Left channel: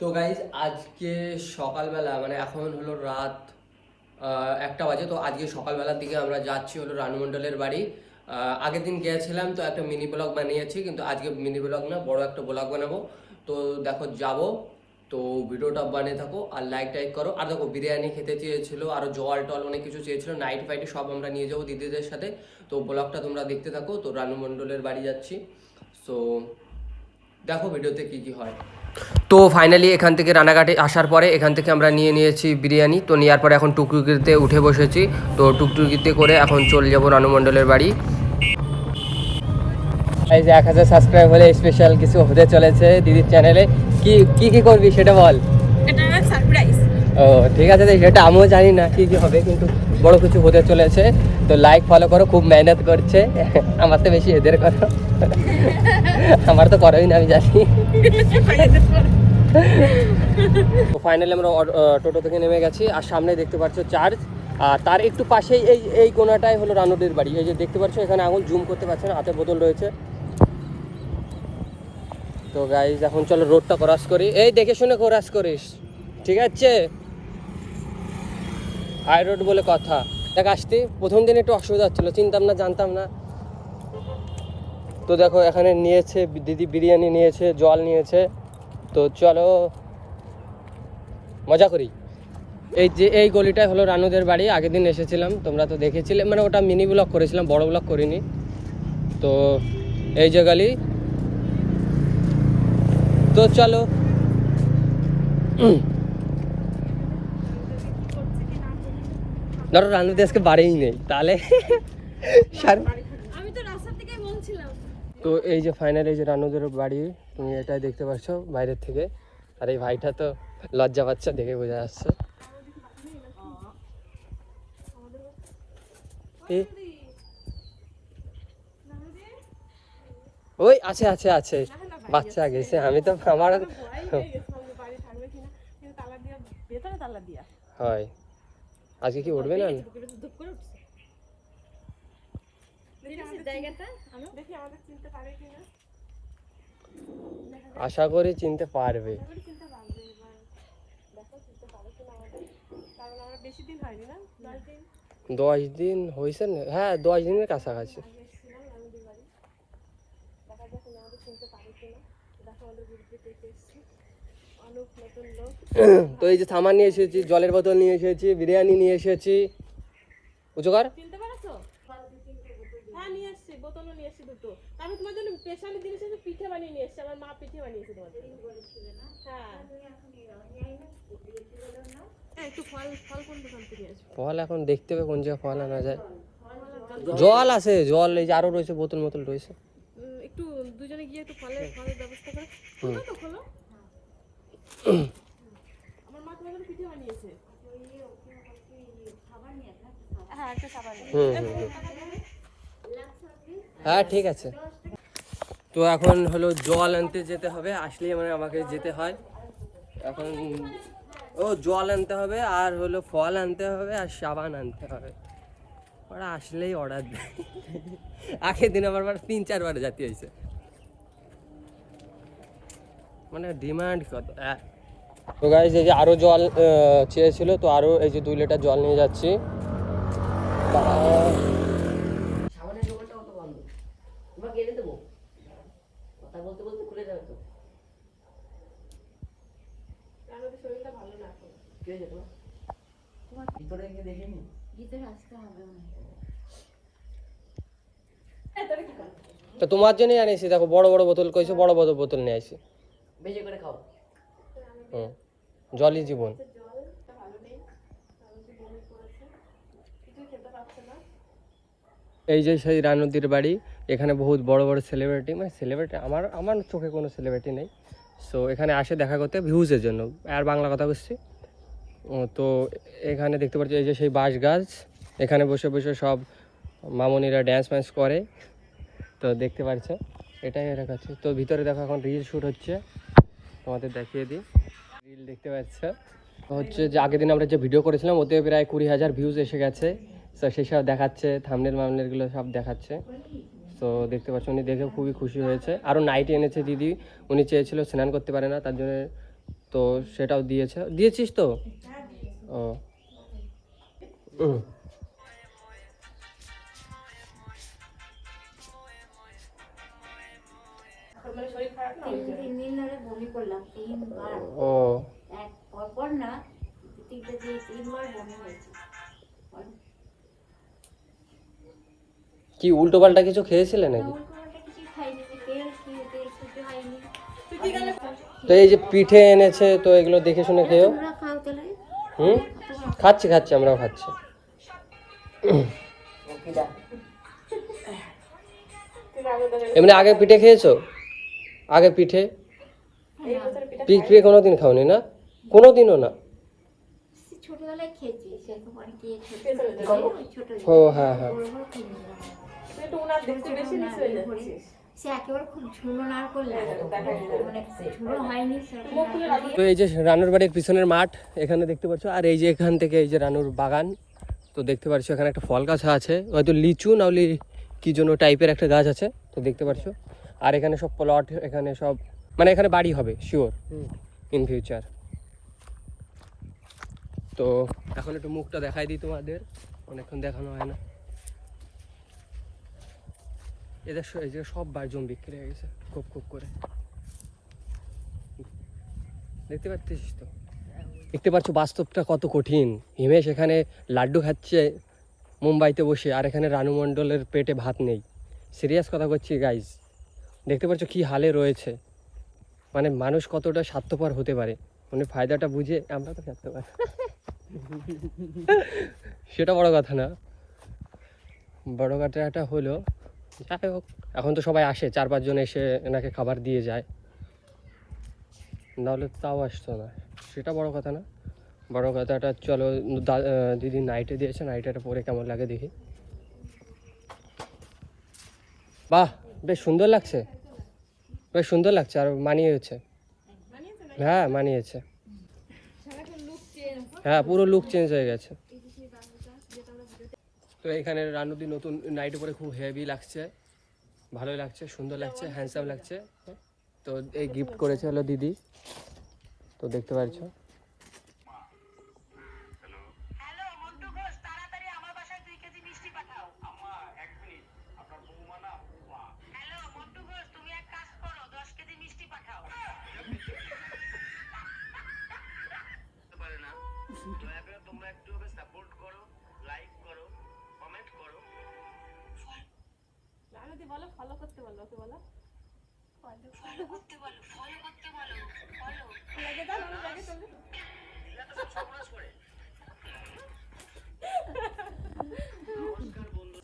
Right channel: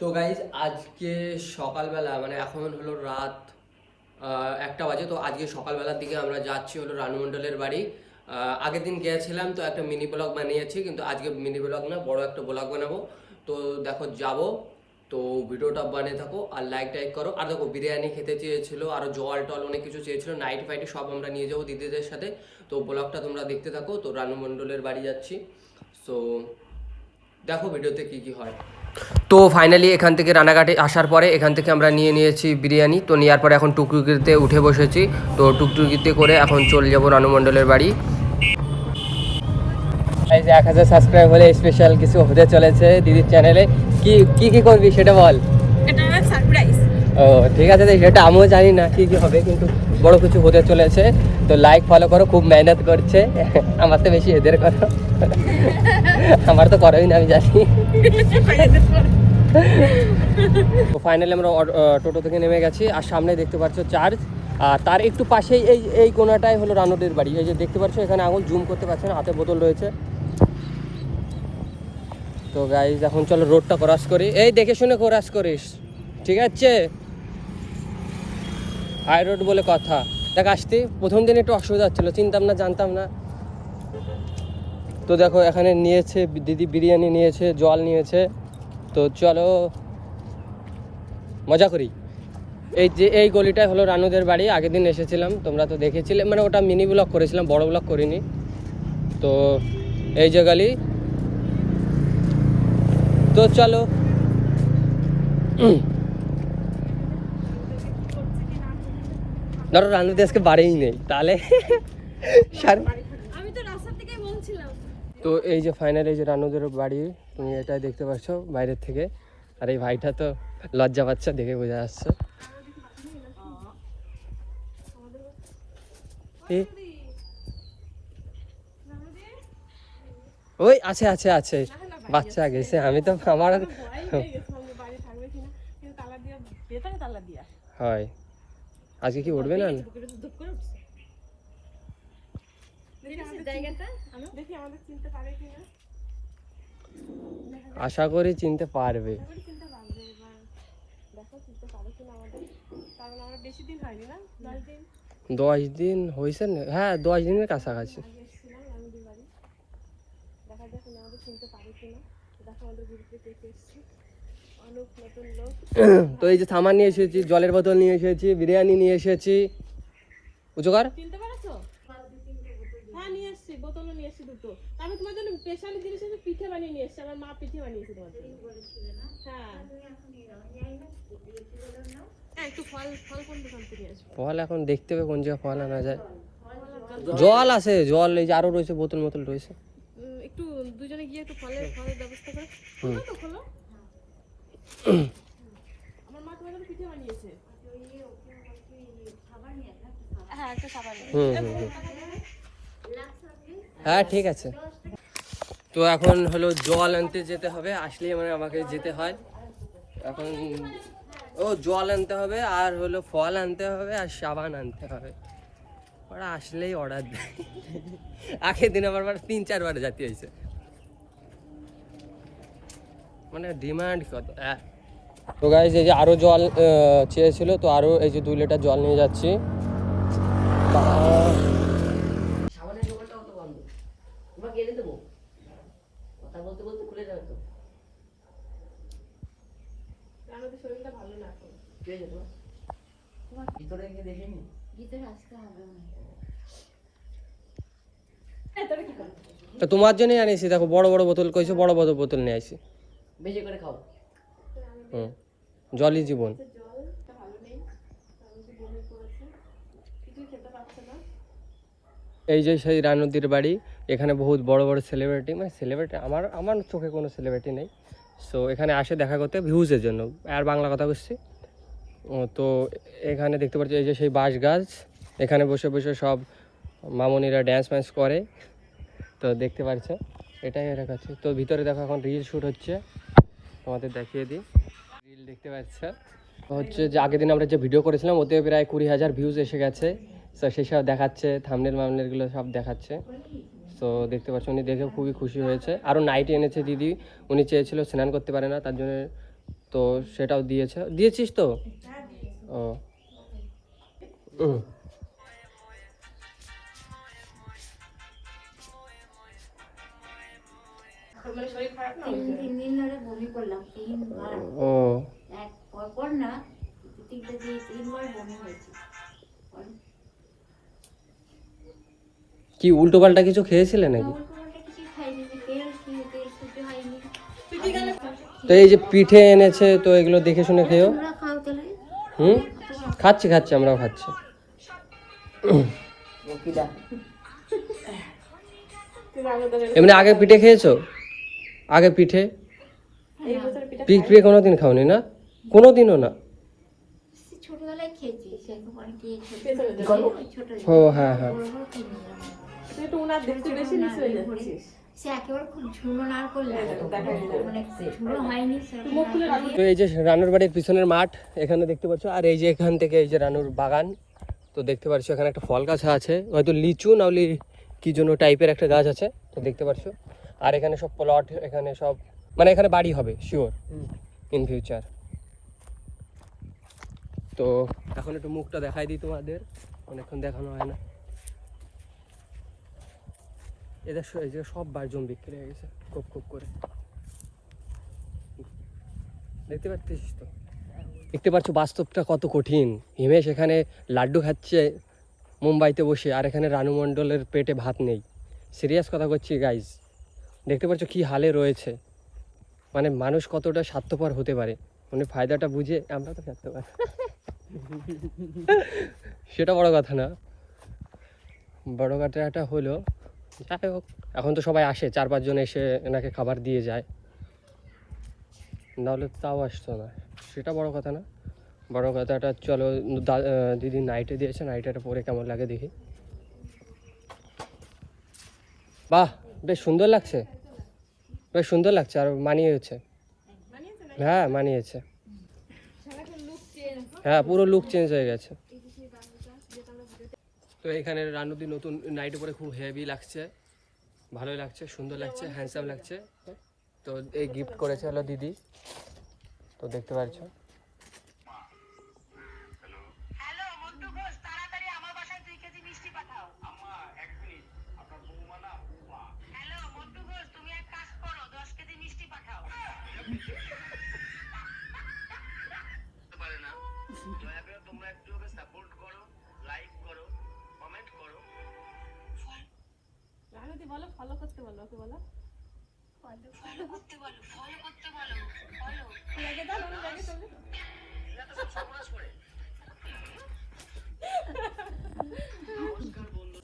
তো গাইজ আজকে সকালবেলা মানে এখন হলো রাত 1টা বাজে। তো আজকে সকালবেলার দিকে আমরা যাচ্ছি হলো রানু মণ্ডলের বাড়ি। আগের দিন গিয়েছিলাম তো একটা মিনি ব্লগ বানিয়েছি, কিন্তু আজকে মিনি ব্লগ না, বড় একটা ব্লগ বানাবো। তো দেখো যাব, তো ভিডিওটা বানিয়ে থাকো আর লাইক টাইক করো। আর দেখো বিরিয়ানি খেতে চেয়েছিল, আরও জল টল অনেক কিছু চেয়েছিল, নাইট ফাইটে সব আমরা নিয়ে যাবো দিদিদের সাথে। তো ব্লগটা তোমরা দেখতে থাকো। তো রানু মণ্ডলের বাড়ি যাচ্ছি, সো দেখো ভিডিওতে কি কি হয়। তো ফাইনালি এখান থেকে রানাঘাটে আসার পরে এখান থেকে আমরা নিয়েছি বিরিয়ানি। তো নেওয়ার পরে এখন টুকটুকিতে উঠে বসেছি। তো টুকটুকিতে করে এখন চলে যাবো রানু মণ্ডলের বাড়ি। এই যে 1000 সাবস্ক্রাইব হলে স্পেশাল কিছু হতে চলেছে দিদির চ্যানেলে। কি কি কি করবি সেটা বল। ও ঠিক আছে, সেটা আমিও জানি না কি কি হবে, কিন্তু বড় কিছু হতে চলেছে। তো লাইক ফলো করো, খুব মেহনত করছে। আমার তো বেশি এদের করো, আমার তো করাই না, আমি জানি। তো ফাইনালি আমরা টোটো থেকে নেমে গেছি, আর সামনে দেখতে পাচ্ছ চার্চ, আর তার একটু পাশেই এই কোনাটাই হলো রানুদের বাড়ি। এই যে দেখতে পাচ্ছ এখানে আঙুল জুম করতে পারছে না, হাতে বোতল রয়েছে। তো গাইজ এখন চলো রোডটা ক্রস করি, এই দেখে শুনে ক্রস করিস, ঠিক আছে? হাই রোড বলে কথা। দেখ আসতে প্রথম দিন একটু অসুবিধা হচ্ছিল, চিনতাম না, জানতাম না। তো দেখো এখানে নিয়েছে দিদি, বিরিয়ানি নিয়েছে, জল নিয়েছে। তো চলো মজা করি। এই যে এই গলিটাই হলো রানুদের বাড়ি। আগের দিন এসেছিলাম, তোমরা তো দেখেছিলে, মানে ওটা মিনি ব্লগ করেছিলাম, বড় ব্লগ করিনি। তো এই যে গলি, তো চলো। ধরো রানুদের আজকে বাড়িই নেই, তাহলে তো এই যে ফাইনাল এই যে রানুদের বাড়ি, তুমি এটাই দেখতে পাচ্ছ বাইরের থেকে। আর এই ভাইটা তো লজ্জা পাচ্ছে, দেখে বোঝা যাচ্ছে। ওই আছে আছে আছে, বাচ্চা গেছে, আমি তো আমার হয়। আজকে কি উঠবে না? আশা করি চিনতে পারবে। 10 দিন হয়েছে না? হ্যাঁ 10 দিনের কাছাকাছি। তো এই যে সামান নিয়ে এসেছি, জলের বোতল নিয়ে এসেছি, বিরিয়ানি নিয়ে এসেছি। উচুকার আমি তোমার জন্য স্পেশাল জিনিস পিঠে বানিয়ে নিয়ে এসেছি, আমার মা পিঠে বানিয়েছে তোমার জন্য। ফল এখন দেখতে হবে কোন জায়গায় ফল আনা যায়। জল আছে, জল এই যে আরো রয়েছে, বোতল মোতল রয়েছে। একটু দুজনে গিয়ে একটু ফলের ব্যবস্থা করে খুলো তো, খোলো। আমার মা তোমার জন্য পিঠে বানিয়েছে। হ্যাঁ একটা সাবান। হ্যাঁ ঠিক আছে। তো এখন হলো জল আনতে যেতে হবে, আসলেই মানে আমাকে যেতে হয় এখন। ও জল আনতে হবে, আর হলো ফল আনতে হবে, আর সাবান আনতে হবে। ওরা আসলেই অর্ডার দেয়। আগের দিন আমার 3-4 বার যেতে হয়েছে, মানে ডিমান্ড কত। তো গাইস এই যে আরো জল চেয়েছিল, তো আরো এই যে 2 লিটার জল নিয়ে যাচ্ছি। তো তোমার জন্যই আনিয়েছি, দেখো বড় বড় বোতল কইছে, বড় বড় বোতল নিয়ে আসি, বেশি করে খাও। জলই জীবন। এই যে সেই রানুদির বাড়ি, এখানে বহুত বড় বড় সেলিব্রিটি, মানে সেলিব্রিটি আমার চোখে কোনো সেলিব্রিটি নেই। সো এখানে আসে দেখা করতে ভিউজের জন্য, আর বাংলা কথা বলছি। তো এখানে দেখতে পাচ্ছি এই যে সেই বাঁশ গাছ, এখানে বসে বসে সব মামনিরা ড্যান্স ফ্যান্স করে। তো দেখতে পাচ্ছ এটাই এর কাছে। তো ভিতরে দেখো এখন রিল শ্যুট হচ্ছে, তোমাদের দেখিয়ে দিই। রিল দেখতে পাচ্ছ হচ্ছে যে আগের দিন আমরা যে ভিডিও করেছিলাম ওতে প্রায় 20,000 ভিউজ এসে গেছে। তো সেসব দেখাচ্ছে, থাম্বনেল মামনেলগুলো সব দেখাচ্ছে। তো দেখতে পাচ্ছ, উনি দেখেও খুবই খুশি হয়েছে। আরও নাইটি এনেছে দিদি, উনি চেয়েছিল স্নান করতে পারে না, তার জন্য তো সেটাও দিয়েছিস তো? ও কি উল্টো পাল্টা কিছু খেয়েছিলে নাকি? তো এই যে পিঠে এনেছে, তো এগুলো দেখে শুনে খেয়েও। খাচ্ছি আমরাও খাচ্ছি। এমনি আগে পিঠে খেয়েছো? আগে পিঠে কোনোদিন খাওনি না? কোনোদিনও না? ও হ্যাঁ হ্যাঁ। তো এই যে রানুর বাড়ির পিছনের মাঠ এখানে দেখতে পাচ্ছ, আর এই যে এখান থেকে এই যে রানুর বাগান। তো দেখতে পাচ্ছ এখানে একটা ফল গাছ আছে, হয়তো লিচু নাহলে কি জন্য টাইপের একটা গাছ আছে, তো দেখতে পাচ্ছ। আর এখানে সব প্লট, এখানে সব মানে এখানে বাড়ি হবে শিওর ইন ফিউচার। তো এখন একটু মুখটা দেখাই দিই তোমাদের, অনেকক্ষণ দেখানো হয় না। এদের এই যে সব বাড়ি জমি বিক্রি হয়ে গেছে খুব খুব করে, দেখতে পাচ্ছিস তো? দেখতে পাচ্ছ বাস্তবটা কত কঠিন। হিমেশ এখানে লাড্ডু খাচ্ছে মুম্বাইতে বসে, আর এখানে রানু মণ্ডলের পেটে ভাত নেই। সিরিয়াস কথা করছি গাইজ, দেখতে পাচ্ছ কি হালে রয়েছে। মানে মানুষ কতটা স্বার্থপর হতে পারে, মানে ফায়দাটা বুঝে আমরা তো স্বার্থপর সেটা বড় কথা না, বড় কথাটা হলো যাই হোক, এখন তো সবাই আসে, 4-5 জন এসে এনাকে খাবার দিয়ে যায়, নাহলে তাও আসতো না, সেটা বড় কথা না। বড় কথাটা চলো দিদি নাইটে দিয়েছে, নাইটেটা পরে কেমন লাগে দেখি। বাহ বেশ সুন্দর লাগছে, বেশ সুন্দর লাগছে, আর মানিয়েছে। হ্যাঁ মানিয়েছে, হ্যাঁ পুরো লুক চেঞ্জ হয়ে গেছে। তো এখানে রানুদি নতুন নাইটে পরে খুব হেভি লাগছে, ভালোই লাগছে, সুন্দর লাগছে, হ্যান্ডসাম লাগছে। তো এই গিফট করেছে হলো দিদি, তো দেখতে পাচ্ছ। বলো ফলো করতে বলো, ওকে বলো ফলো করতে বলো, ফলো করতে বলো, ফলো লাগে দাও, লাগে তুমি এটা তো সব সর্বনাশ করে। নমস্কার বন্ধু।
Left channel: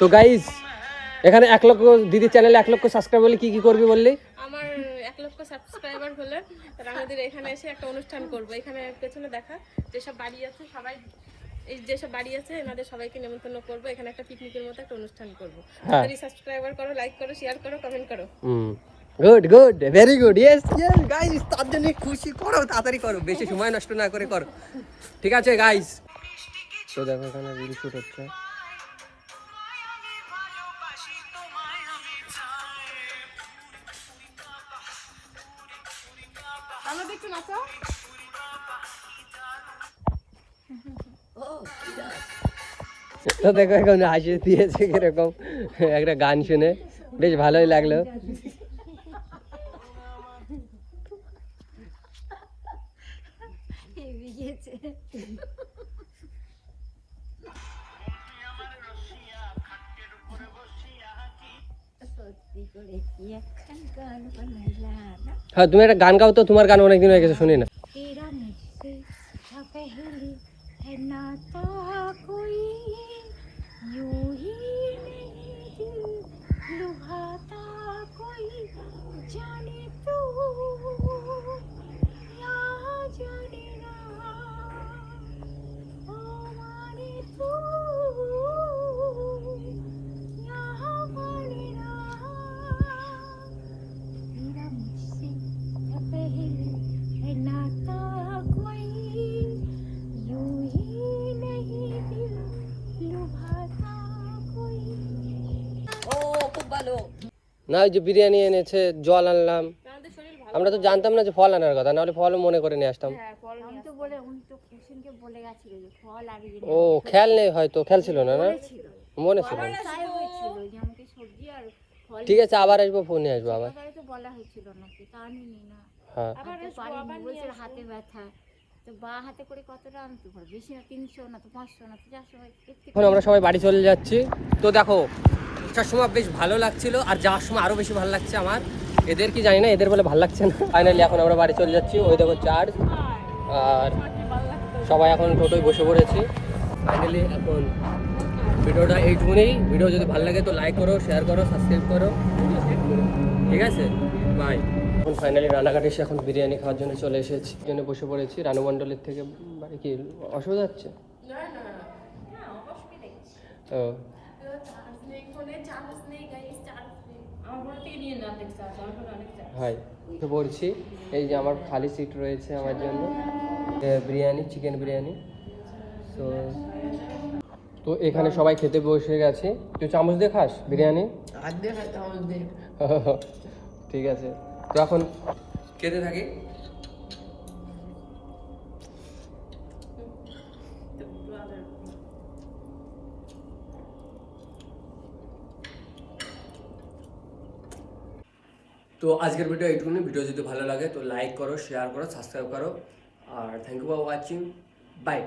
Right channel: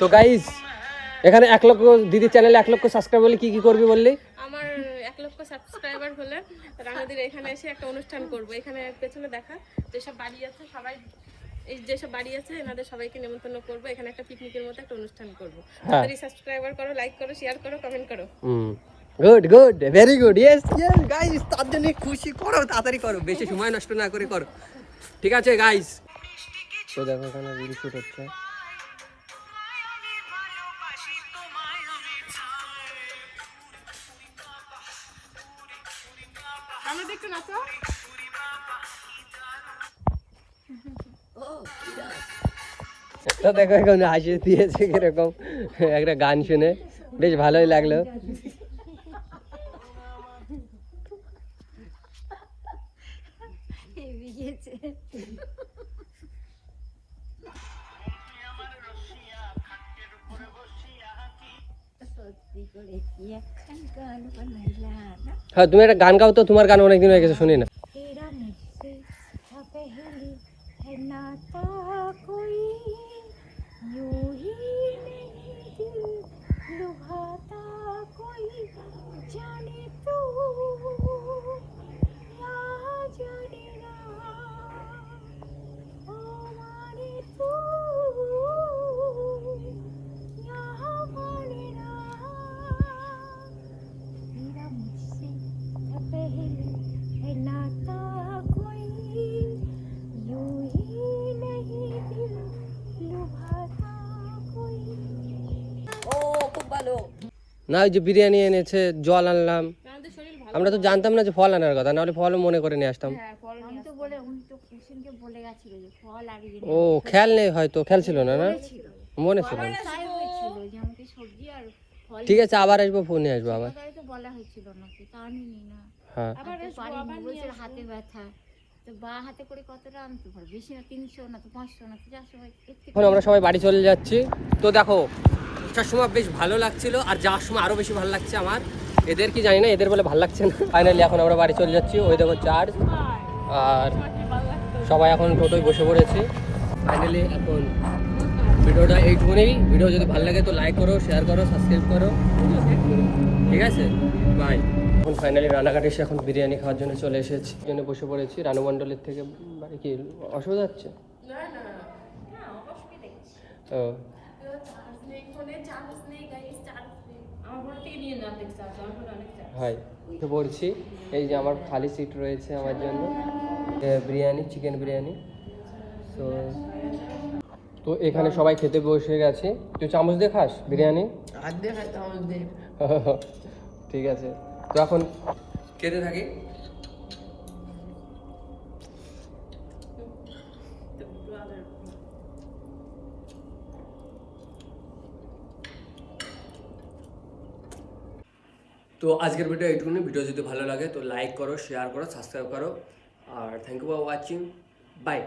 তো গাইস এখানে 1 লক্ষ দিদি চ্যানেলে 1 লক্ষ সাবস্ক্রাইব হলে কি কি করবি বললি? আমার 1 লক্ষ সাবস্ক্রাইবার হলে রানুদির এখানে এসে একটা অনুষ্ঠান করব। এখানে পেছনে দেখা যেসব বাড়ি আছে সবাই, এই যেসব বাড়ি আছে এনাদের সবাইকে নিমন্ত্রণ করব, এখানে একটা পিকনিকের মতো একটা অনুষ্ঠান করব। তাড়াতাড়ি সাবস্ক্রাইবার করো, লাইক করো, শেয়ার করো, কমেন্ট করো। Good good very good, yes yes guys, তার জন্য খুশি করো, তাড়াতাড়ি করো, বেশি সময় নষ্ট না করে করো, ঠিক আছে গাইস? তো দেখো এখানে রিল শুট হচ্ছে। আমাদের একটু নাচো। তো দেখো এখন হাসি দিয়েছে কিরকম একটা গান শুনে, বেশ ভালোই লাগলো। হ্যাঁ তুমি একটা গান গাও তো, তোমার গান অনেকদিন হয়ে গেছে শুনি না। না ওই যে বিরিয়ানি এনেছে, জল আনলাম। আমাদের শরীর ভালো। আমরা তো জানতাম না যে ফল আনার কথা, নাহলে ফলও মনে করে নিয়ে আসতাম। হ্যাঁ ফল আমি তো বলে উনি তো কুসুমকে বলে গেছিল যে ফল আর ইয়ে ও খেয়াল নেই, হয়তো খেয়াল ছিল না, না মনে ছিল না। তাই হয়েছিল যে আমাকে সবজি আর ফল ঠিক আছে, আবার আসবো, ফোনে আসবো আবার। কথাই তো বলা হয়েছিল নাকি তা নিয়ে না হ্যাঁ আবার আসবো, আবার নিয়ে বলছিল আসবো। হাতে ব্যথা তো বা হাতে করে কতটা আনতে পারে বেশি না 300 না তো 500 না তো 400 একটু এখন আমরা সবাই বাড়ি চলে যাচ্ছি। তো দেখো, আসার সময় বেশ ভালো লাগছিল, আর যাওয়ার সময় আরো বেশি ভালো লাগছে আমার। এদের কি জানি না, এদের বলে ভালো লাগছে না। ফাইনালি এখন আমরা বাড়ি চলে যাচ্ছি। ওই দেখো চার্জ, আর সবাই এখন টোটোয় বসে পড়েছি। ফাইনালি এখন ভিডিওটা এইটুকুনি। ভিডিও যদি ভালো লাগে তো লাইক করো, শেয়ার করো, সাবস্ক্রাইব করো, ঠিক আছে? বাই। এখন ফাইনালি রানাঘাট এসে এখন বিরিয়ানি খাওয়ার জন্য চলে এসেছি, জন্য বসে পড়েছি। রানু মণ্ডলের থেকে বাড়ি কি অসুবিধা হচ্ছে? না না ও আমার ঘর থেকে নিয়ে নাম দেখতে হবে, আমার ঘরে অনেক চাপ। হাই, তো বলছি এই যে আমার খালি সিট রয়েছে আমার জন্য, বিরিয়ানি, চিকেন বিরিয়ানি। তো তো এখানে সবাই খেতে বসে গেছে। তুই চামচ দিয়ে খাস বিরিয়ানি? ঠিক আছে, তো এখন খেতে থাকি। তো আজকের ভিডিও এইটুকুনি। ভিডিও যদি ভালো লাগে তো লাইক করো, শেয়ার করো, সাবস্ক্রাইব করো, আর thank you for watching. By.